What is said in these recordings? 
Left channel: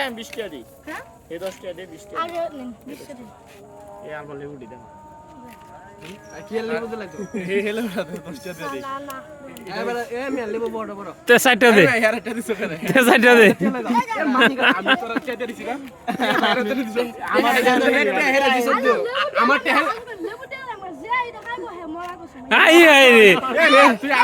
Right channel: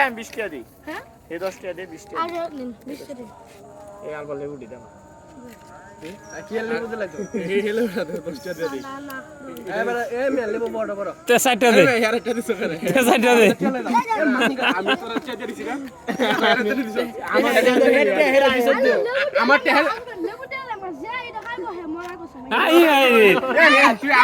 আমি 20 টাকা দিই হে 10 টাকা দে 20 টাকা এ আর বলে উঠি দে কি লেবু দিলা তো সাইডটা দে। তে সাইডটা দে। আমার আই আই রে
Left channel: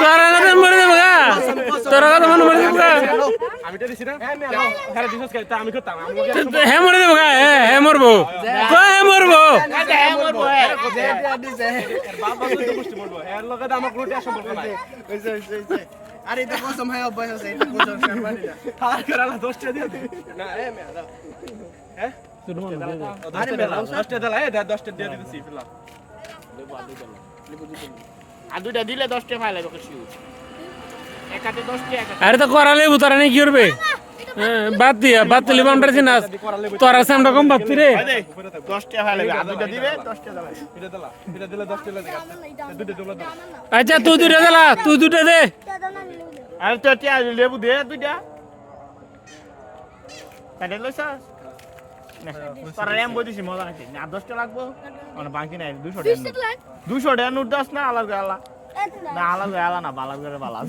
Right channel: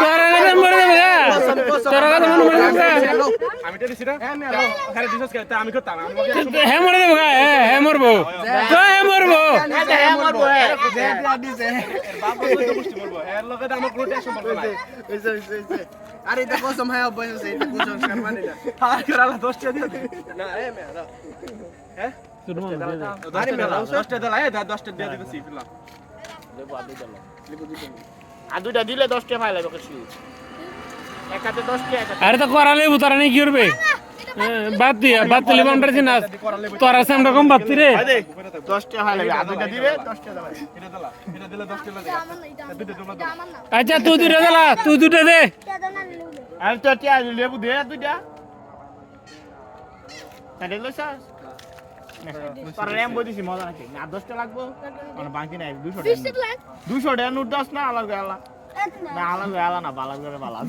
তোরা কথা মরে যাবে তোরা কথা মনে মরে যাবে আমি তো দিছি না। হ্যাঁ দিছস কেন? আমি করতাম। আমি হে মরে যাবে গা হে হে মরবো। তোরা হে মরবো। আরে এটা কসম হয় অভ্যাস আছে এটা কসম শারমানি না। আর করালা দশটা দিয়ে দে না এ মে দাও। আরে মেলা দশটা দিলা দশটা দিয়ে দিতেছি ফিলা লেবু আর দুইটা লেবু দুইটা আর দুইটা দিলে 10 টাকা পাইলে এক হাতে 10 এক হাতে আরে তো করালে বুতারা নেই কি করবে? হ্যাঁ, বাদ দিয়া বাদ তুলি বান্ডার চিনাস তোরা সামনে কম ভাবতি রে। দে 10 টাকা পাইলে আর দুইটা দিবে? 10 টাকা দেবে। এটা দিলা এটা দিলা দশটা দিলা দুটো দিলা আচ্ছা তুই দুটা দিলা তুই দুটা দে। আর তো টিয়া লেবু দে দুইটা। আছে 10 টাকা লাগবো? বাকি নাই 200 টাকা 200 টাকা নোট দাস না আলাদা আলা। না আলাদা আলা না বালা করে বালা